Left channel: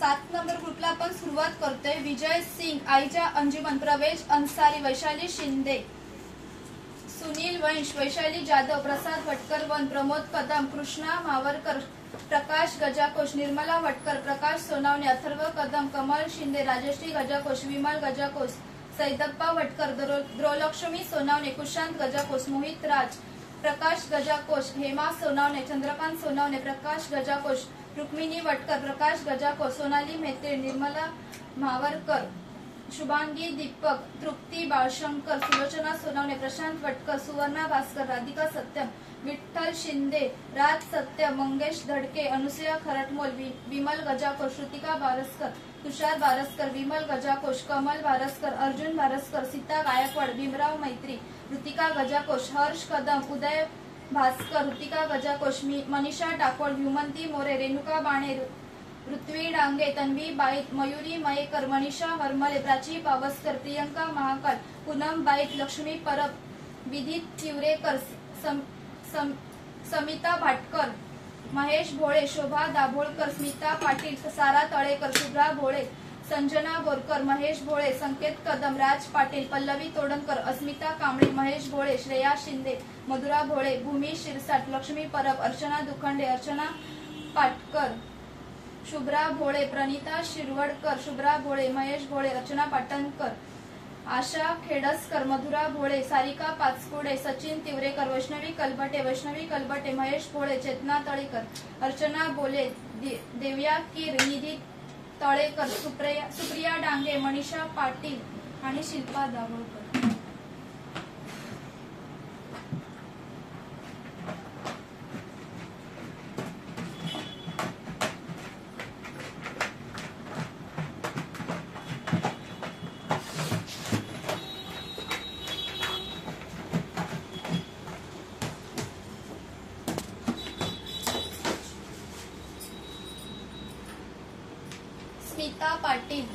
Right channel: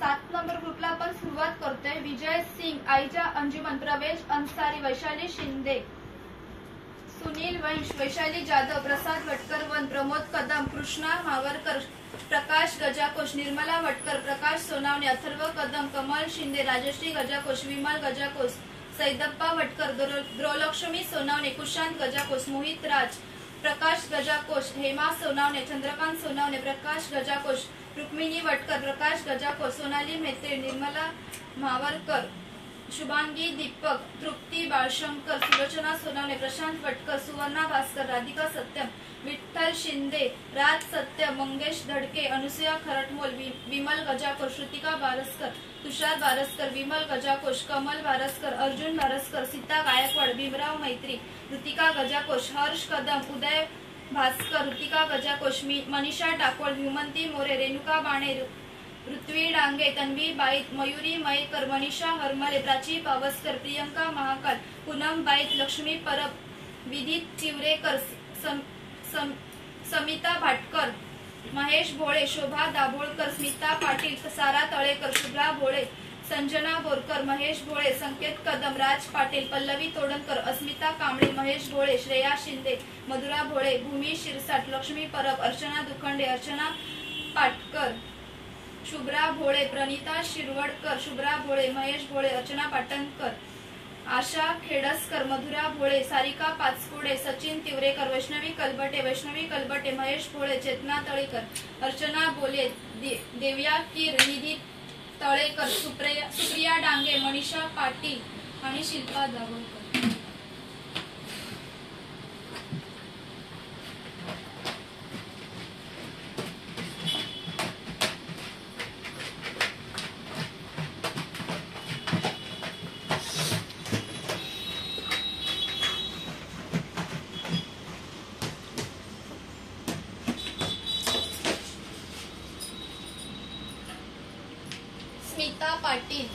7 number ग्रुपला आपण सुरुवात करतोय। विजय सिंग, आईजा अंजुमन, प्रवेश अंसारी, वैशाली शिंदे, सुनील वंश, वैशाली जाधव, प्रसाद वटकर वन, प्रमोद कदम, कृष्णा मावरकर, प्रकाश गजाकोश, निर्मला वटकर, प्रकाश सोनावणे, अथर्व कदम, कमल शिंदे, राजश्री गजाकोश, विमल गजाकोश, सैदप्पा वटकर, द्रोलक्ष्मी सोनावणे, कुशांत गजाकोश, मोहित राज, प्रकाश गजाकोश, हेमा सोनावणे, चंद्रकांत सोनावणे, प्रकाश गजाकोश, रुक्मिणी वटकर, प्रकाश गजाकोश, सोनाली मेहते, निर्मला मावरकर, शुभांगी दीपक, तृप्ती बाळशंकर, सुलोचना सोनावणे, प्रशांत वटकर, सुवर्णा भास्कर, राधिका सत्यम, विठ्ठल शिंदे, राज सत्यम, मंगेश धडके, अनुसया खरटमोल, विमल गजाकोश, श्रुतिका बारसकर, तुषार बारसकर, विमल गजाकोश, कमल बारसकर, अर्जुन बारसकर, सीता गायकवाड, भीमराव मैत्री, ऋतिका गजाकोश, हर्ष कदम, उदय भास्कर, ऋतिका गजाकोश, मनीषा टाकोळ, हुमंती मोरे, रेणुका बाणे, ऋत्वी डांगे, तन्वी बाईत, मयुरी मयेकर, मनीषा हरमले, प्राची पावसकर, प्रियंका महाकाल, पूनम बाईत, लक्ष्मी परब, विदित तिवरेकर, समिता भाटकर, महेश भोळे, शोभा दाभोळकर, स्मिता पाटील, सारा तळेकर, शुभ्रा भोळे, संजना बोरकर, महेश भोळे, संकेत कदम, राज पाटील, पल्लवी तोडणकर, अस्मिता कांबळे, महेश भोळे, श्रेया शिंदे, मधुरा भोळे, भूमी शिरसाट, लक्ष्मी परब, अर्चना दुखंडे, अर्चना पाटकर, शुभ्रा भोळे, प्रणिता शिरवडकर, शुभ्रा भोळे, महेश भोळे, अर्चना पाटणकर, आशा खेडसकर, मधुरा भोळे, सारिका पाचपुडे, सचिन तिवरेकर, वैष्णवी कलबटे, महेश भोळे, चेतना तळेकर, अर्चना बोले, देव्या कीर, निधी तळेकर, सुप्रिया डांगे, मनीषा पाटील आणि शिल्पा दाभोळकर। स्मिता पाटील,